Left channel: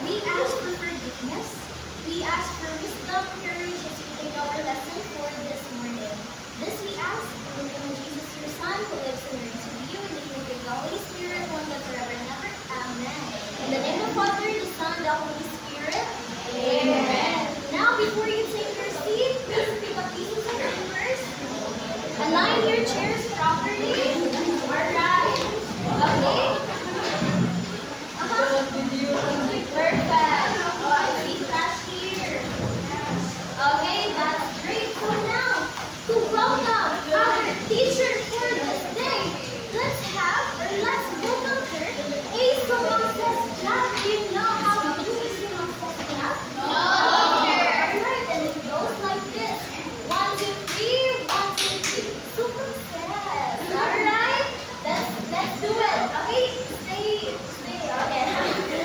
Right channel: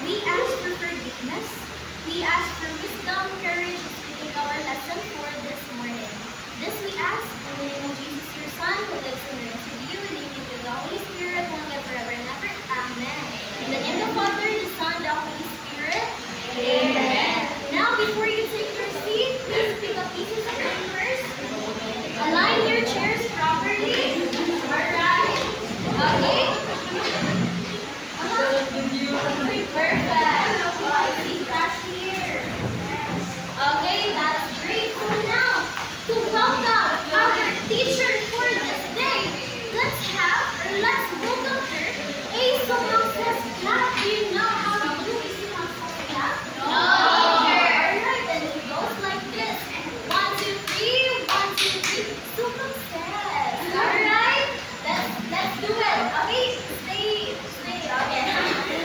We ask for forgiveness. We ask for wisdom, courage as we take our lesson for this morning. This we ask in the name of Jesus, your Son, who lives and reigns with you, and with the Holy Spirit, one God forever and ever. Amen. In the name of the Father, the Son, and the Holy Spirit. Amen. Now, before you take your seat, please pick up pieces of papers. Align your chairs properly. Alright. Okay. Perfect. Oh, I see class here. Okay, that's great. So now, to welcome our teacher for this day, let's welcome her. A someone says clap. Do you know how to do a someone says clap? No. Alright, then it goes like this. 1, 2, 3. 1, 2, 3. Someone says. Alright, let's do it. Okay, stay. Okay.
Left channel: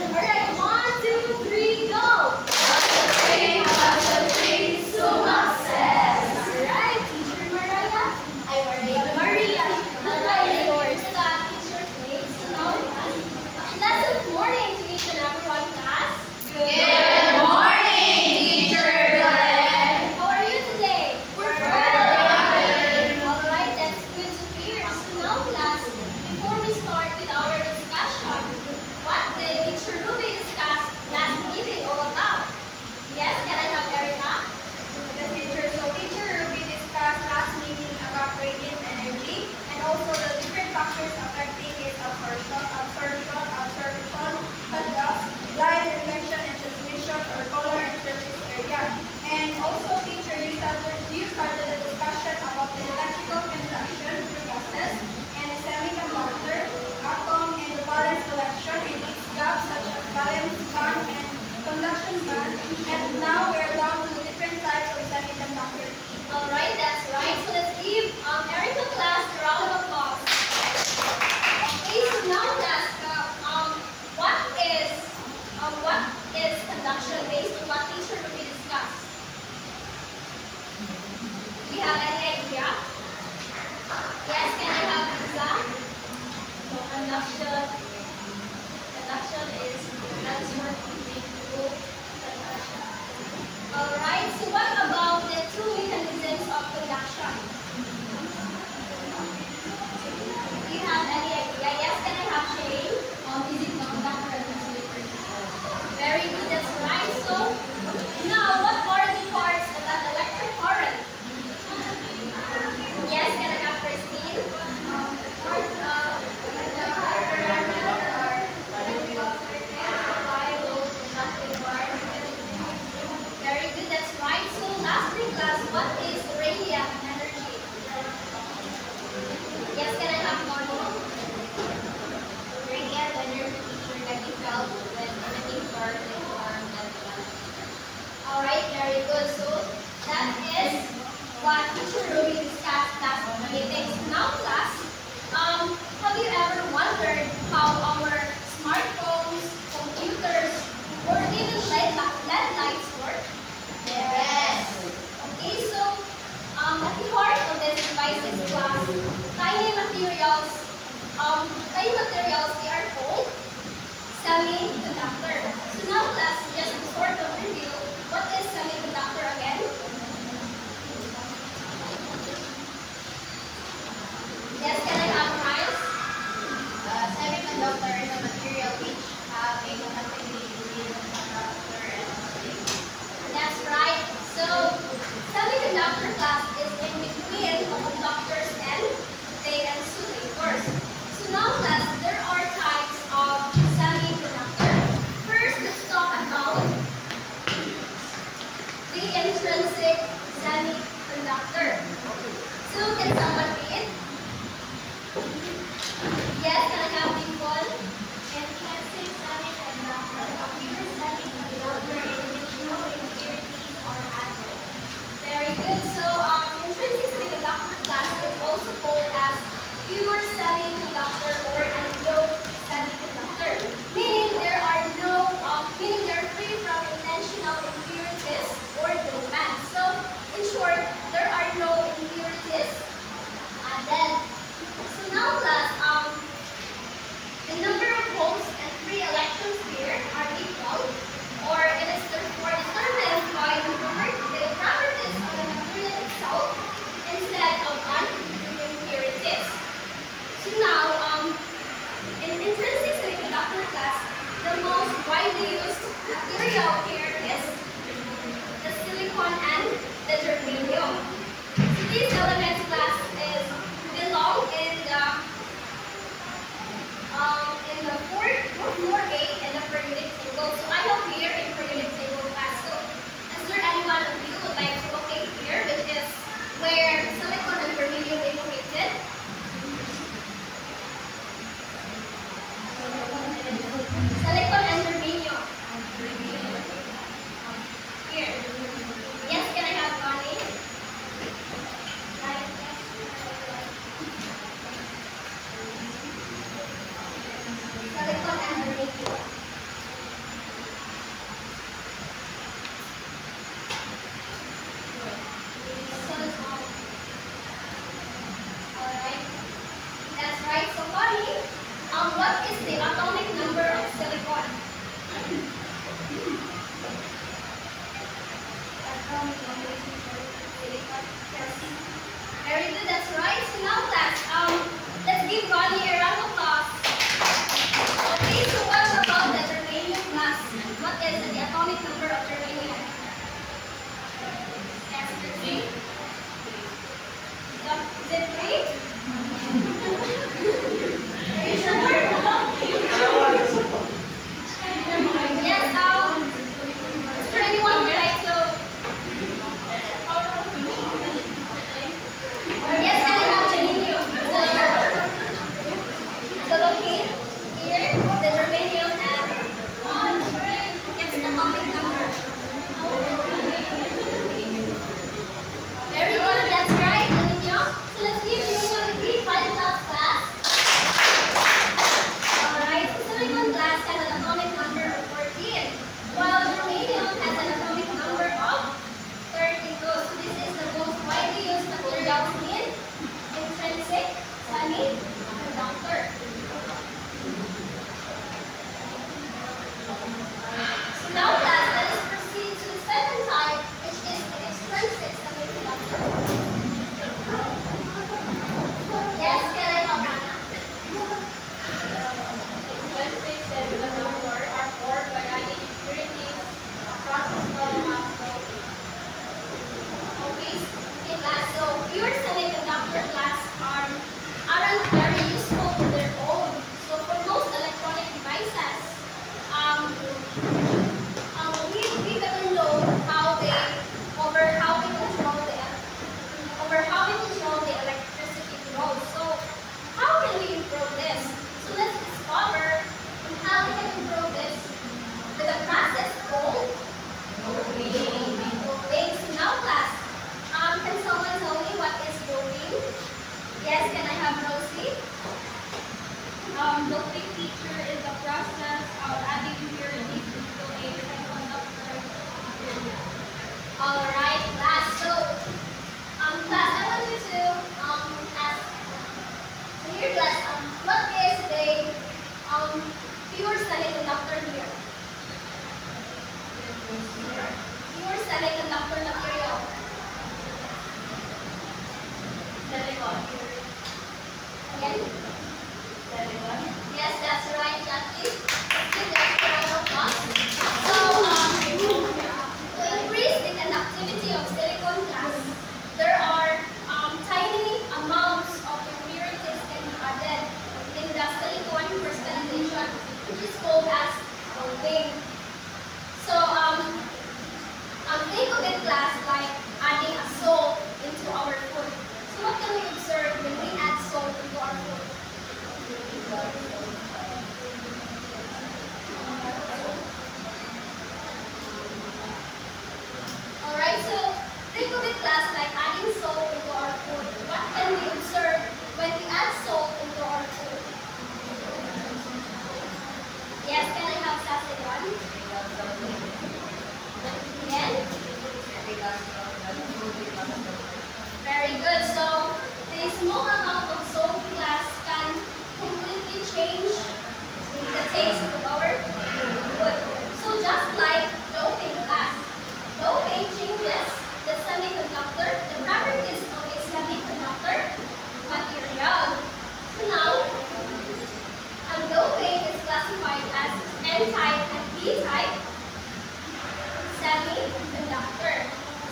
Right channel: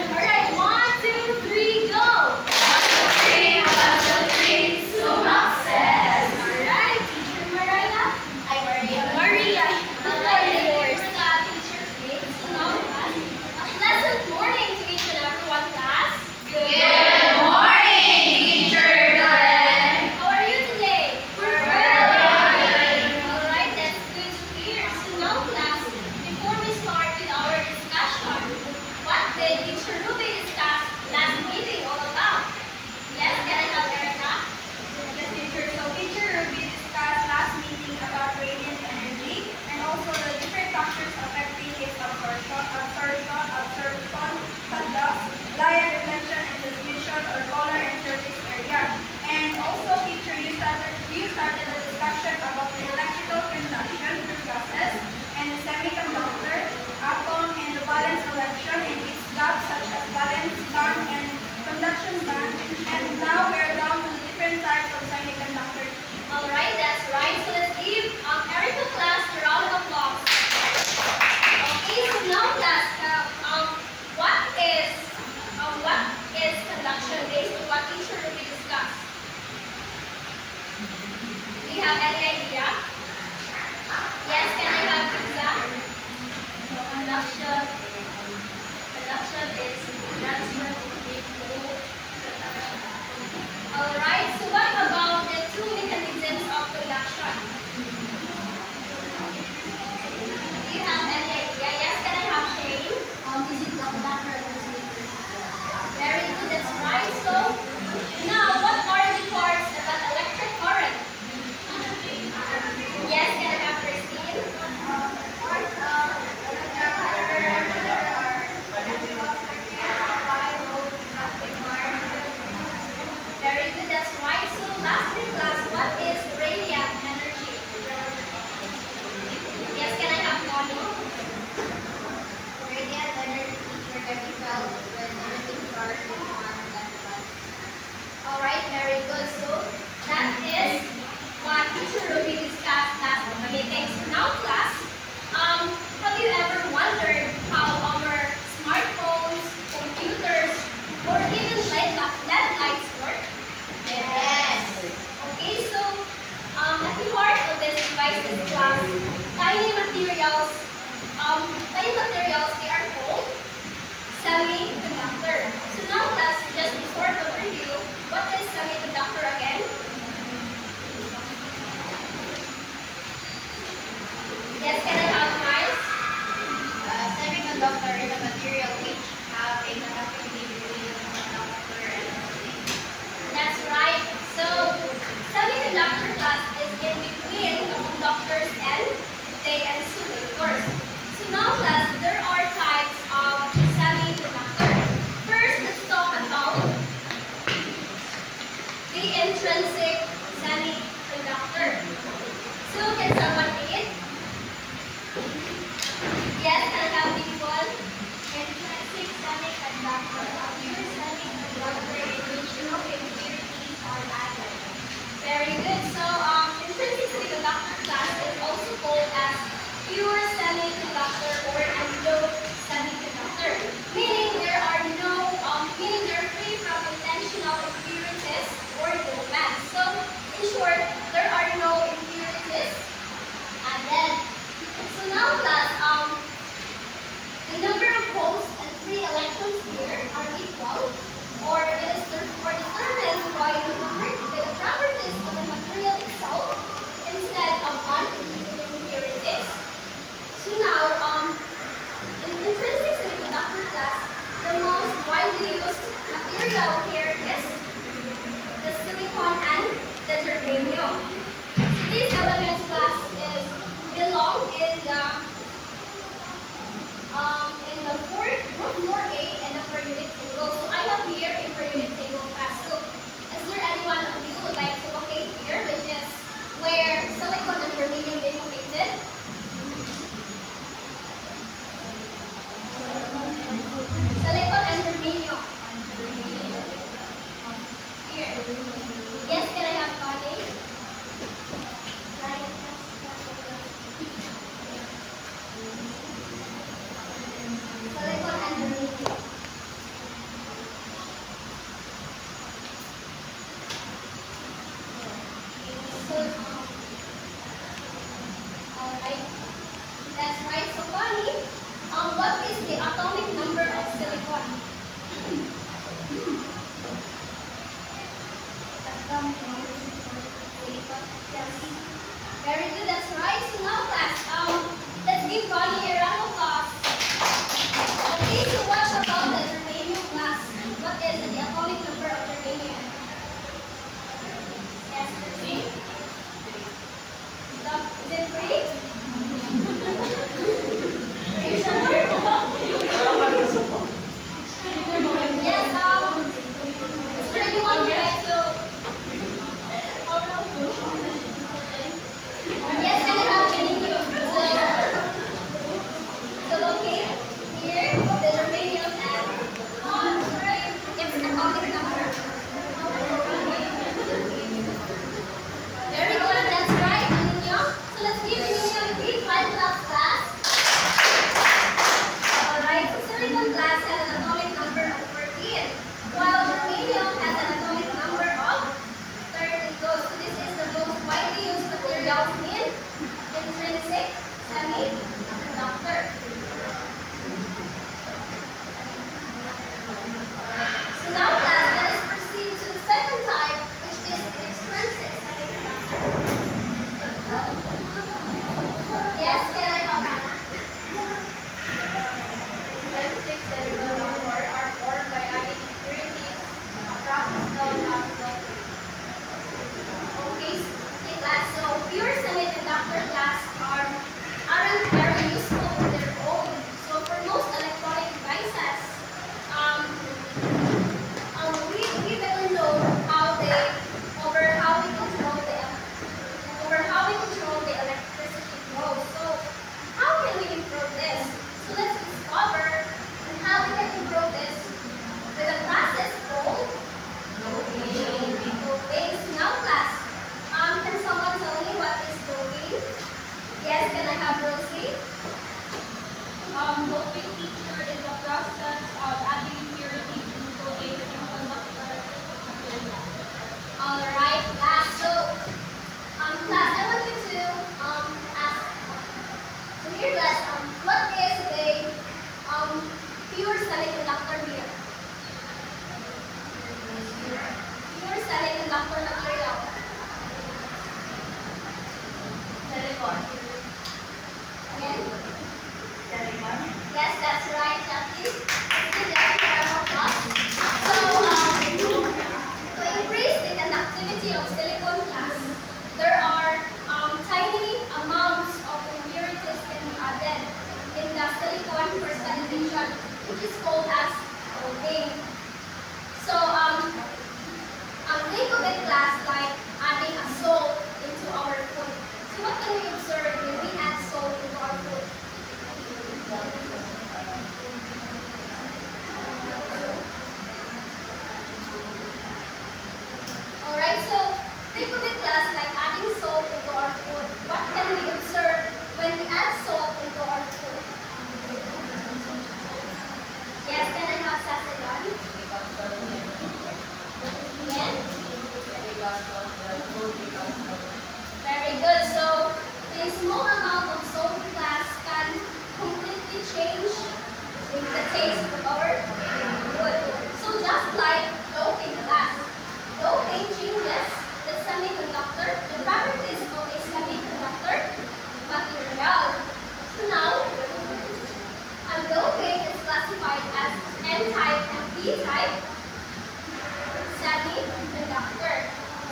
Alright, 1, 2, 3, go. 1, 2, 3, 1, 2, 3, Sumak says. Alright, Teacher Mariah. Maria. Yours. Pleasant morning to each and everyone, class. Good morning, Teacher Glenn. How are you today? We're good. Alright, that's good to hear. So now, class, before we start with our discussion, what did Teacher Ruby discuss last meeting all about? Yes, can I help Erica? Yes, teacher. So teacher Ruby discussed last meeting about radiant energy and also the different factors affecting its absorption, cut-off, light, reflection, and transmission, or color and surface area. And also, teacher, you started the discussion about the electrical conduction process and the semiconductor, atom, and the valence collection and its gaps such as valence band and conduction band. And now we're down to the different types of semiconductors. Alright, that's right. So let's give Erica class a round of applause. Okay, so now class, what is conduction based on what Teacher Ruby discussed? Do you have any idea? Yes, can I have example? So conduction is transfer through conduction. Alright, so what about the two mechanisms of conduction? Do you have any idea? Yes, can I have Shane? Is it the conductor and transmitter? Very good, that's right. So, now what are the parts of an electric current? Yes, can I have Christine? Very good, that's right. So, lastly, class, what is radiant energy? Yes, can I have Connie? Radiant energy can be felt when anything charged is armed and light. Alright, very good. So that is what Teacher Ruby discussed last meeting. So now class, have you ever wondered how our smartphones, computers, or even LED lights work? Yes. Okay, so at the heart of this device is class, tiny materials, they are called semiconductor. So now class, just to sort of review, what is semiconductor again? Yes, can I have Miles? Semiconductor is a material which have a conductivity between the conductor and the thing. That's right. So semiconductor class is in between the conductors and the insulators. So now class, there are types of semiconductor. First, let's talk about to locate here the germanium and its atomic number. Very good, that's right, Millennium. So let's give Millennium a big 5 class. Alright, so silicon glass has an atomic number of 14, while germanium has an atomic number of 32. So this is the most widely used materials in intrinsic semiconductor. So now class, let us proceed to the second type, which is the extrinsic semiconductor. Yes, can I help Hannah? Intrinsic semiconductor are formed by adding impurities across the cell. Okay, class. So pure semiconductor class aren't very useful on their own. So for most electronic devices, we better know how we control the electricity flow. So how can we improve this? So let's discover how we can improve this with a process called doping. So now class, can someone tell me what is doping? Yes, can I have Rosie? Doping feature is the process of adding impurities into a semiconductor material. Alright, class. So, class, I want you to ask. So here, class, what is a pure semiconductor here? Pure semiconductor material. Silicon. Again? Silicon. Yes, that's right, Jackie. Let's give that a round of applause. So, to increase the conductivity of silicon glass, there are tiny amounts of impurities can be added in the silicon crystallization, which is called as doping. So, think of it class like adding a salt into our food. So what can we observe when we add salt into our food? Alright, so think of it class like adding salt into our food. What can we observe when we add salt into our food? Yes, can I have Sasagan? Again? Very good. So the small amount of salt glass can completely change the taste of our food. So just like doping glass, doping changes the semiconductor, the properties of a semiconductor material. So now, doping is classified as N-type and P-type semiconductor.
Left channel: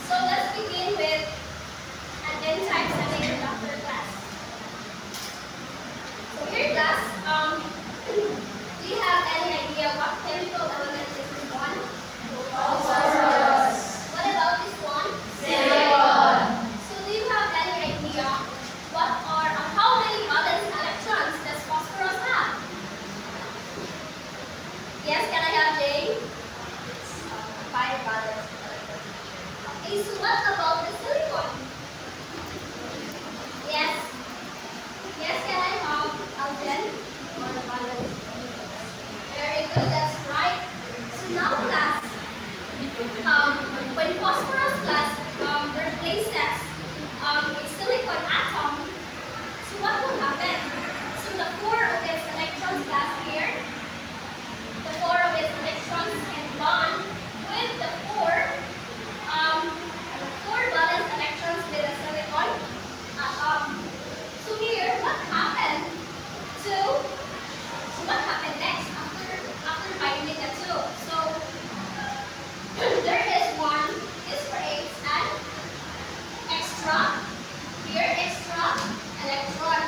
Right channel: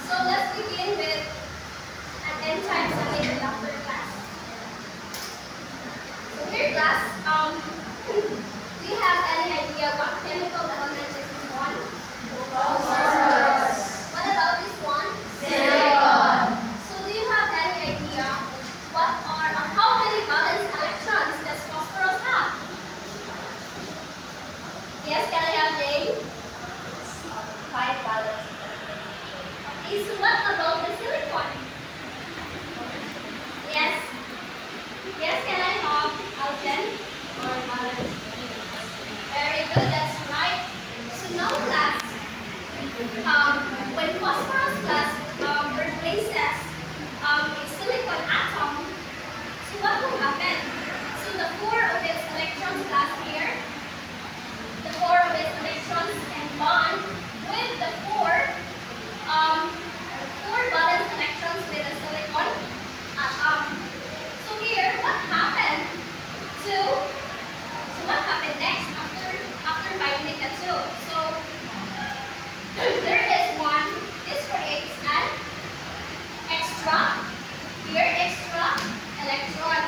So let's begin with an N-type semiconductor class. So here class, do you have any idea what chemical element is this one? Phosphorus. What about this one? Silicon. So do you have any idea how many valence electrons does phosphorus have? Yes, can I have Jane? 5 valence. Is what about the silicon? Yes. Yes, can I have Alden? Very good, that's right. So now class, when phosphorus class replaces a silicon atom, so what will happen? So the 4 of its electrons class here, the 4 of its electrons can bond with the 4 valence electrons with a silicon atom. So here, what happened next after binding the 2? So there is one. This creates an extra electron.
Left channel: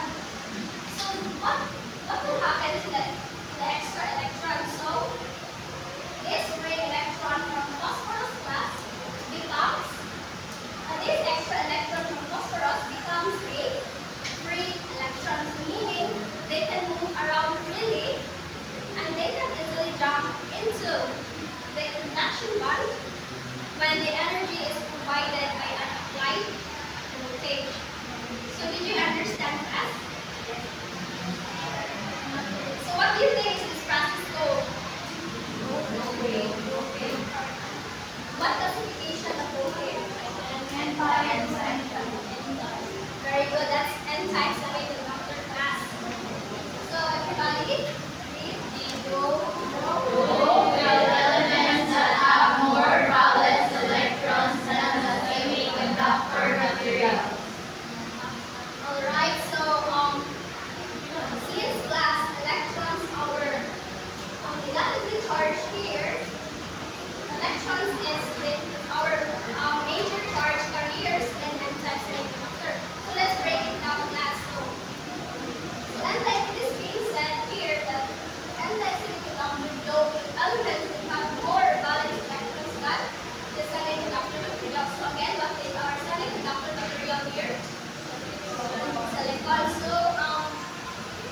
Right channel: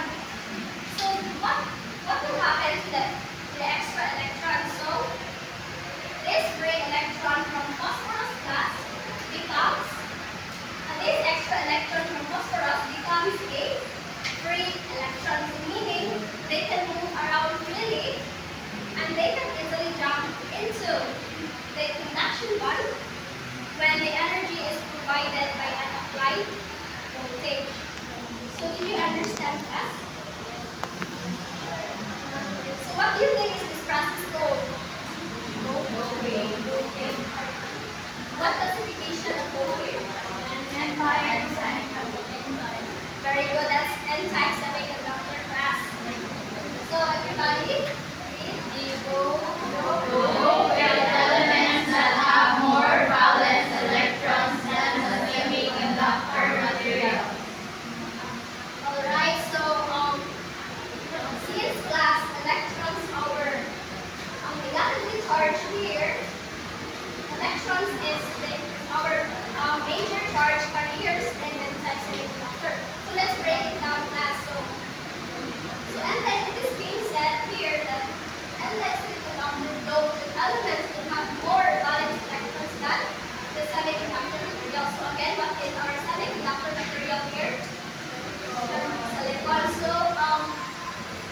So what will happen to the extra electron? So this free electron from phosphorus class becomes this extra electron from phosphorus becomes a free electron, meaning they can move around and they can easily jump into the conduction band when the energy is provided by an applied voltage. So did you understand that? So what do you think is this process called? Voltage. What classification of voltage? N-type. Very good. That's N-type semiconductor class. So everybody, read the Elements that have more valence electrons than the semiconductor material. Alright, so since class electrons are negatively charged here, electrons is our major charge carriers in N-type semiconductor. So let's break it down class. So N-type, it is being said here that N-type semiconductor load elements will have more valence electrons than the semiconductor material. So again, what is our semiconductor material here? Silicon. So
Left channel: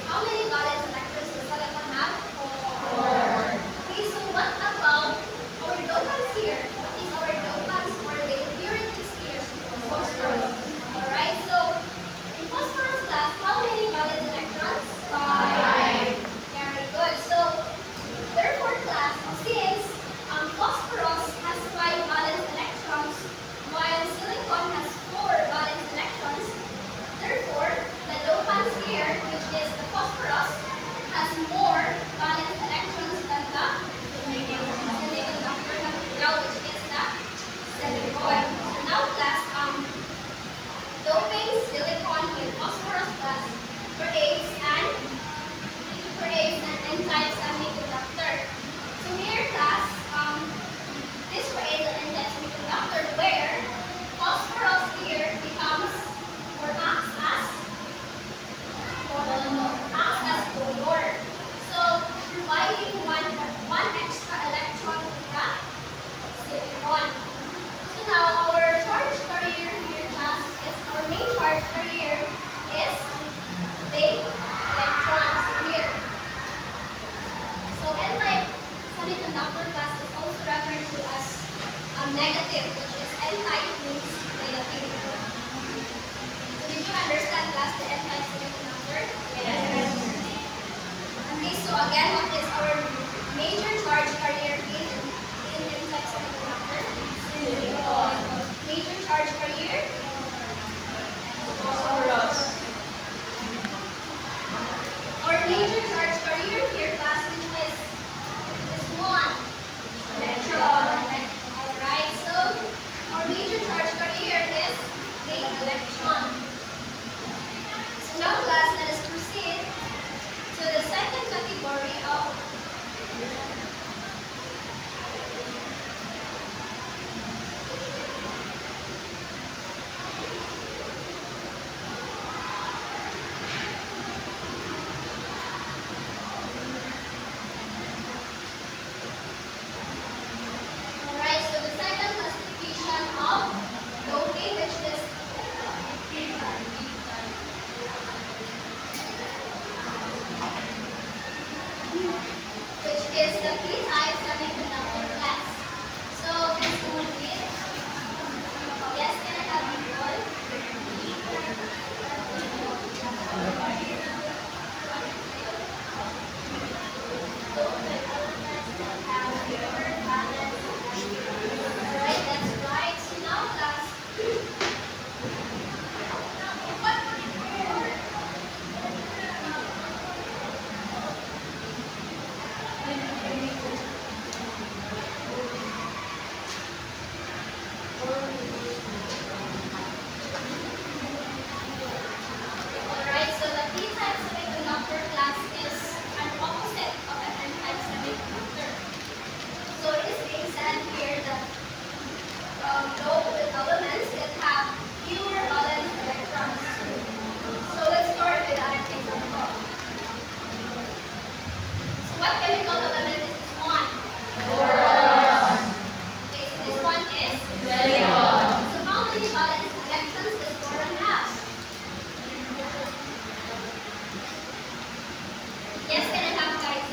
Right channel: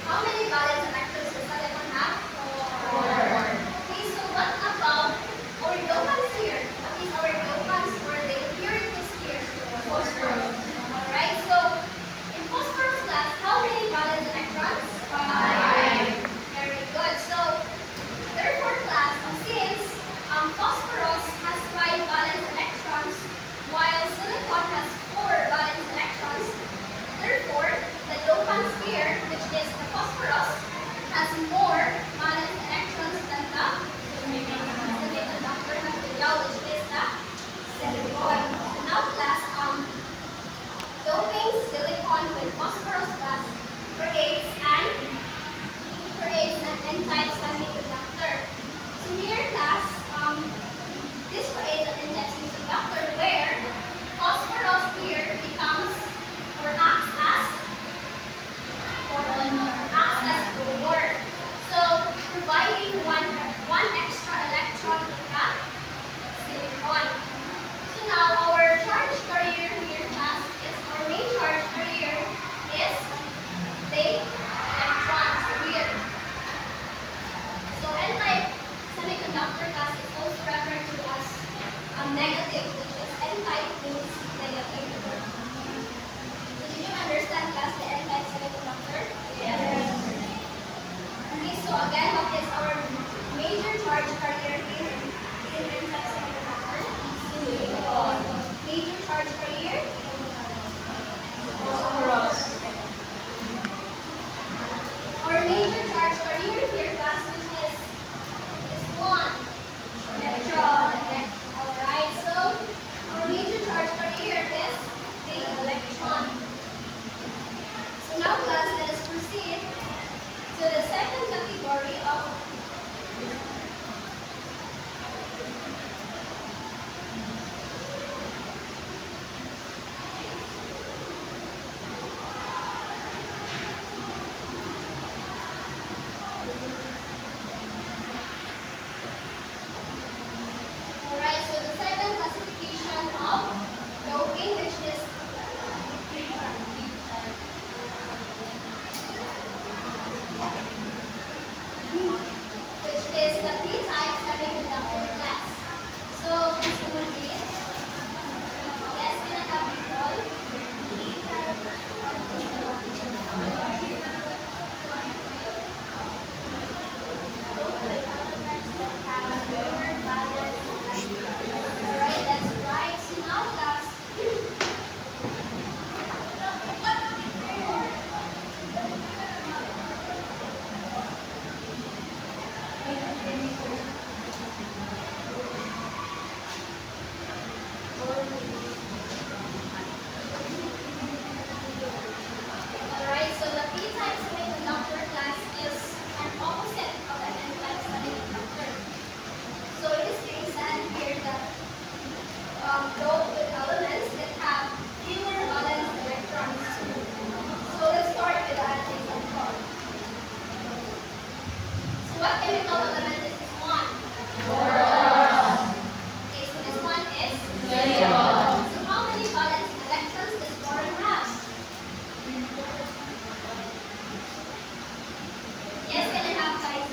how many valence electrons does silicon have? 4. Okay, so what about our dopants here? What is our dopants or the impurities here? Phosphorus. Alright, so in phosphorus class, how many valence electrons? 5. Very good. So therefore class, since phosphorus has 5 valence electrons, while silicon has 4 valence electrons, therefore the dopants here, which is the phosphorus, has more valence electrons than the semiconductor material, which is the silicon. So now class, doping silicon with phosphorus class creates an N-type semiconductor. So here class, this creates an N-type semiconductor where phosphorus here becomes or acts as donor. So providing one extra electron to the silicon. So now our charge carrier here class is our main charge carrier is the electrons here. So N-type semiconductor class is also referred to as negative, which is N-type means negative. So did you understand class the N-type semiconductor? Yes. Okay, so again, what is our major charge carrier in N-type semiconductor? Silicon. Major charge carrier? Phosphorus. Our major charge carrier here, class, which is this one. Electron. Alright, so our major charge carrier is the electron. So now class, let us proceed to the second category of Alright, so the second classification of doping, which is the P-type semiconductor class. So this will be yes, can I have it all? Alright, that's right. So now class. Alright, so the P-type semiconductor class is an opposite of an N-type semiconductor. So it is being said here that doped with elements that have fewer valence electrons. So let's start with an example. So what chemical element is this one? Okay, so this one is Silicon. So how many valence electrons does boron have? Yes, can I have guys?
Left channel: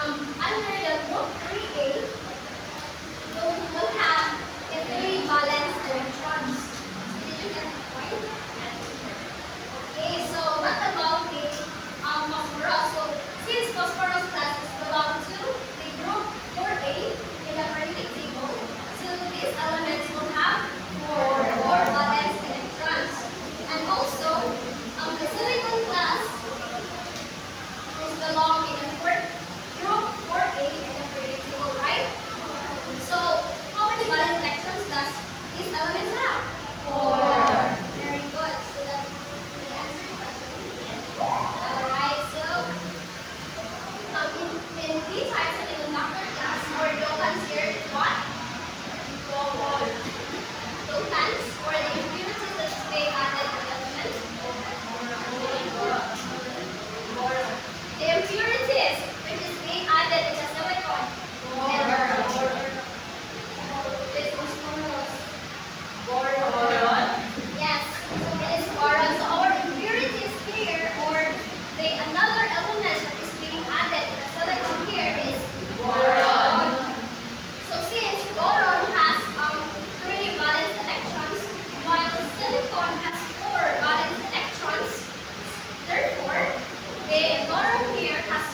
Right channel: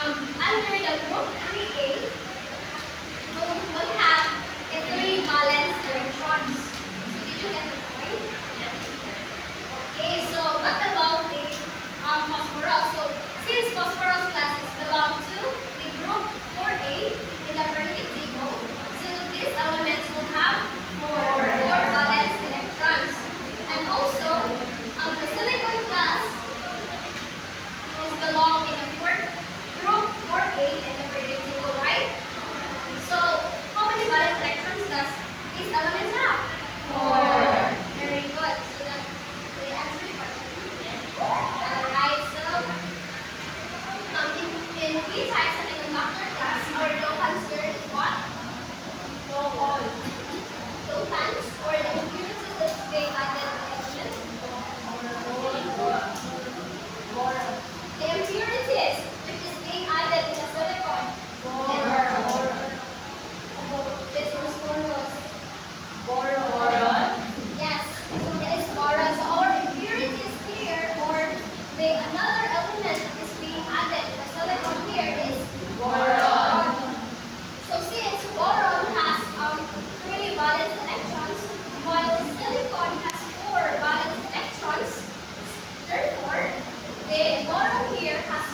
Under the group 3A, we'll have the three valence electrons. Did you get the point? Okay, so what about the phosphorus? So since phosphorus classes belong to the group 4A in the periodic table, so these elements will have four valence electrons. And also, the silicon class is belong in the group 4A in the periodic table, right? So how many valence electrons does these elements have? Four. Very good. So that's the answer to the question. Alright, so in P-type semiconductor class, our dopants here is what? Dopants, or the impurities that they added to the element. The impurities which is being added in the silicon. This is boron. Yes, so it is boron. So our impurities here, or another element that is being added in the silicon here is boron. So since boron has 3 valence electrons, while silicon has 4 valence electrons, therefore the boron here has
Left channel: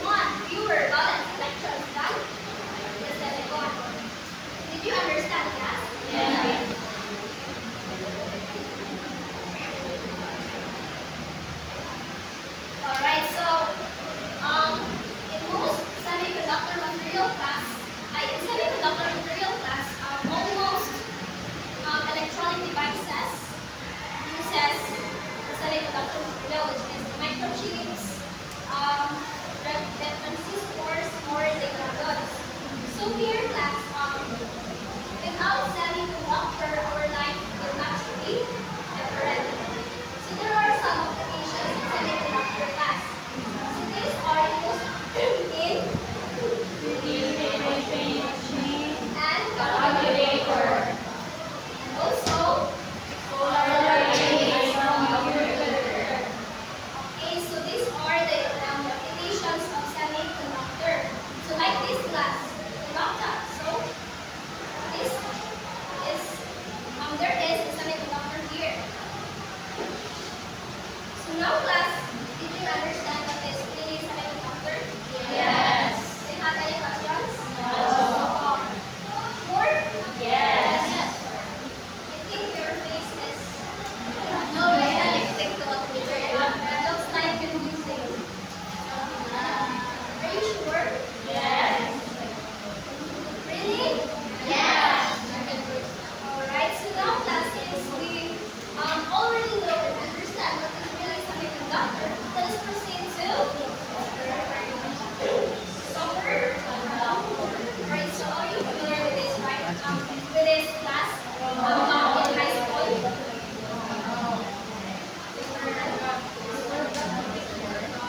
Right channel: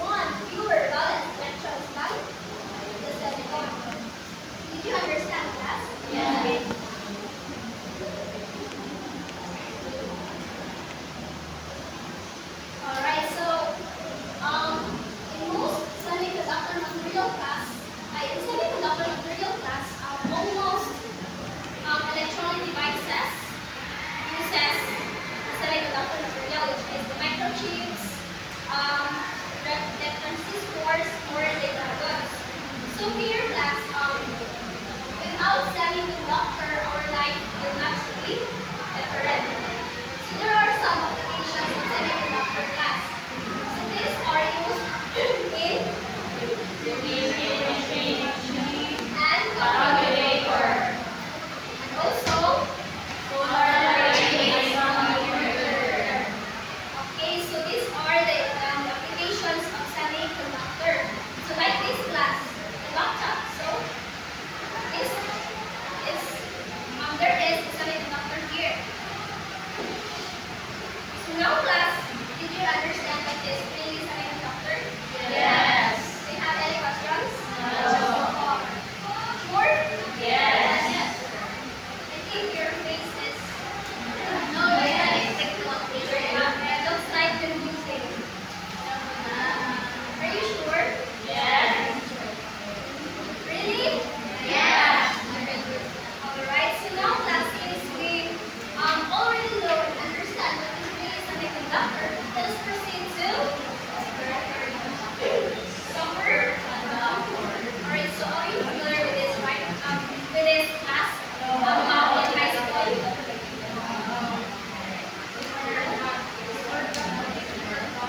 one fewer valence electrons than the silicon. Did you understand that? Yeah. Alright, so in most semiconductor material class, almost electronic devices uses the semiconductor material, which is the microchips, the transistors, or the diodes. So here, class, without semiconductor, our life will not be different. So there are some applications of semiconductor class. So these are used in and calculator, and also solar arrays. Okay, so these are the applications of semiconductor. So like this class, the laptop. So this is there is a semiconductor here. So now class, did you understand that this really is semiconductor? Yes. Do you have any questions? No. More? Yes. I think your face is no, I can't expect to look later. It looks like confusing. Are you sure? Yes. Really? Yes. Alright, so now class, since we already know and understand what is really semiconductor, let us proceed to alright, so are you familiar with this, right? With this class in high school?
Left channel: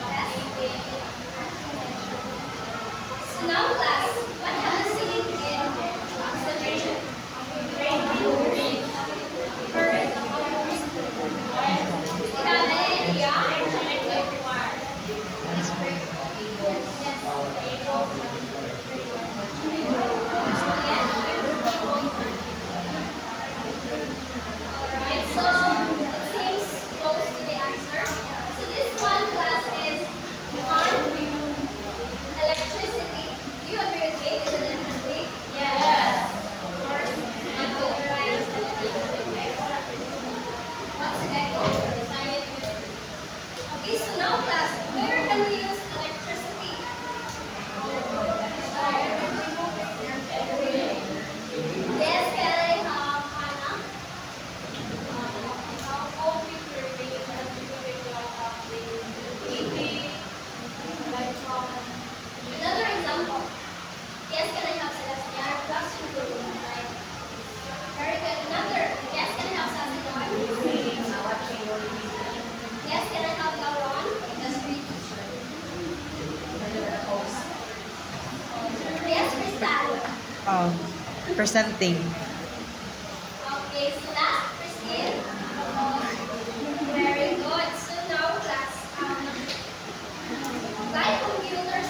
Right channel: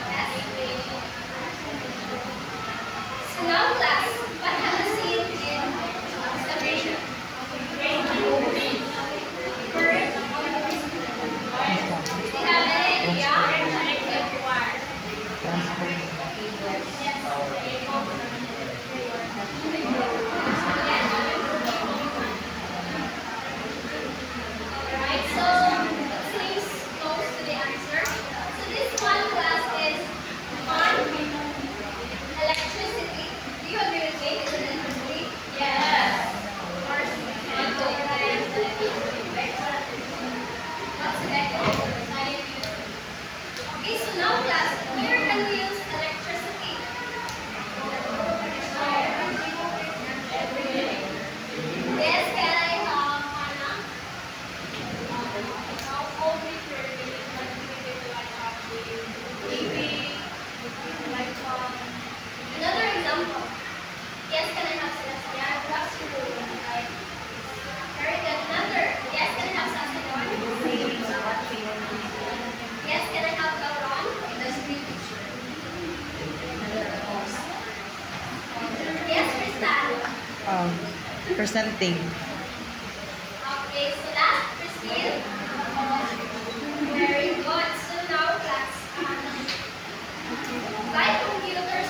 Yes. So now class, what have you seen in separation? Correct. Do you have any idea? Alright, so it seems close to the answer. So this one class is on electricity. Do you agree with me? Is it electricity? Yes. Of course. What's the echo? Okay, so now class, where can we use electricity? Yes, can I have Anna? Another example. Yes, can I have Sebastian? Classroom. Very good. Another. Yes, can I have Sebastian? Yes, can I have Lauron? Yes, Crystal. Presenting. Okay, so that's Christine. Very good. So now class, by computers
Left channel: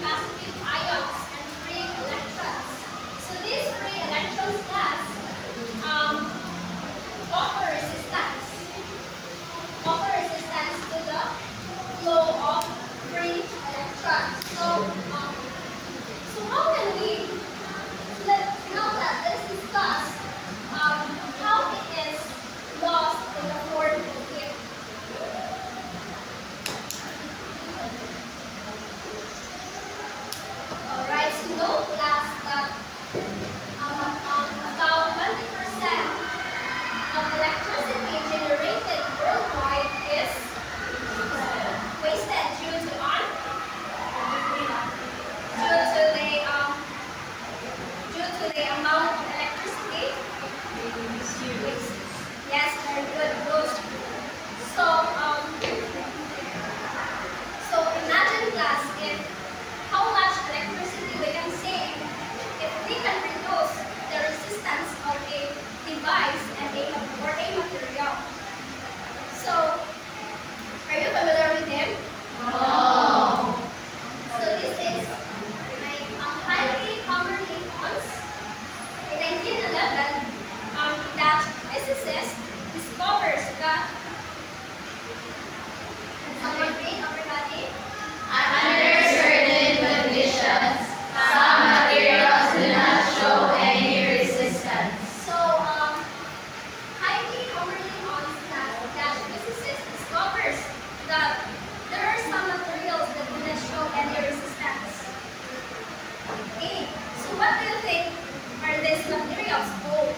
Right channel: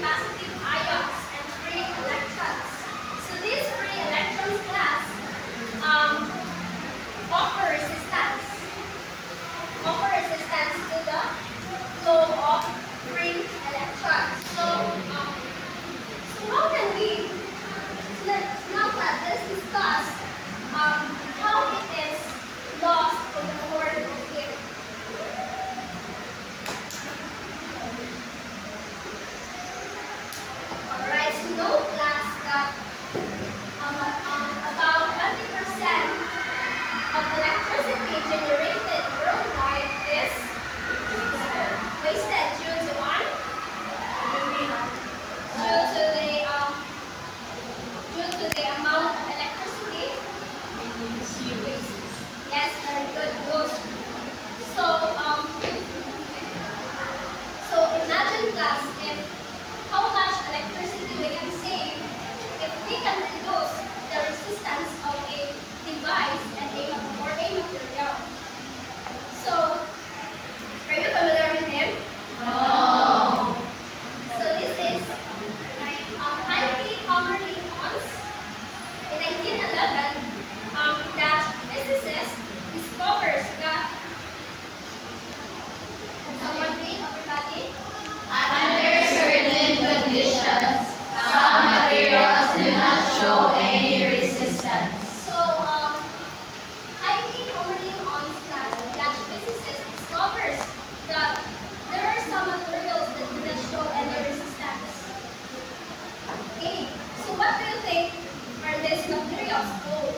positive ions and free electrons. So these free electrons class offer resistance to the flow of free electrons. So how can we let's discuss how it is lost in the form of heat. Alright, so know class that about 20% of electricity generated worldwide is wasted due to what? Due to the amount of electricity. Yes, very good. Good. So imagine class if how much electricity we can save if we can reduce the resistance of a device and or a material. So, are you familiar with him? No. So this is like Henry Commerly Ons. In 1911, Dutch physicist discovers that. Can someone read, everybody? Under certain conditions, some materials do not show any resistance. So, Heidi Commerly Ons, Dutch physicist, discovers that there are some materials that do not show any resistance. Okay, so what do you think are these materials called?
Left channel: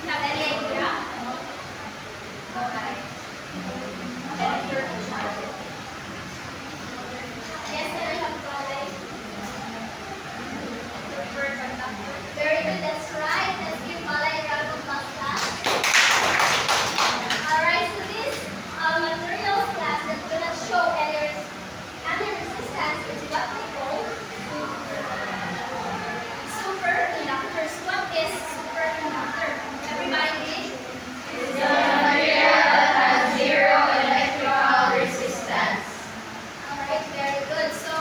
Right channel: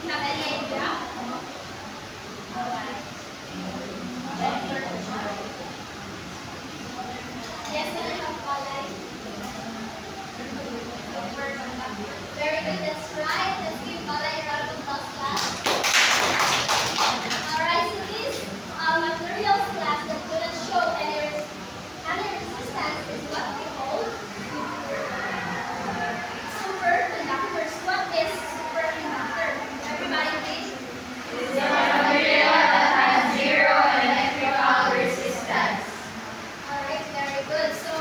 Do you have any idea? Yes, very good, that's right. Let's give Balay a round of applause, class. Alright, so these materials class that do not show any resistance is what we call superconductors. What is superconductor? Everybody read? It's a material that has zero electrical resistance. Alright, very good. So,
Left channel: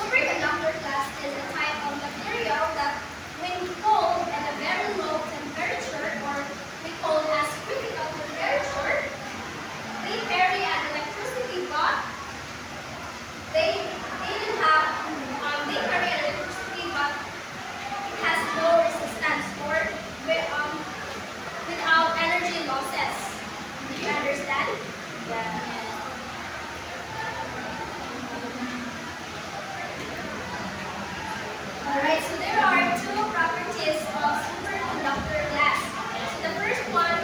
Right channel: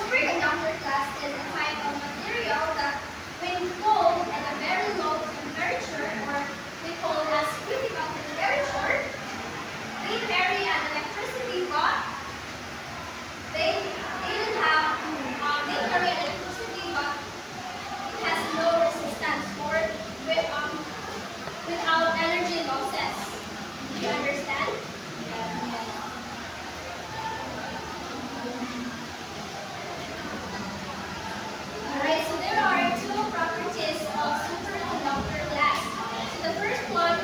superconductor class is a type of material that when cooled at a very low temperature, or we call as critical temperature, they carry an electricity, but they carry an electricity, but it has no resistance or without energy losses. Do you understand? Alright, so there are two properties of superconductor glass. So the first one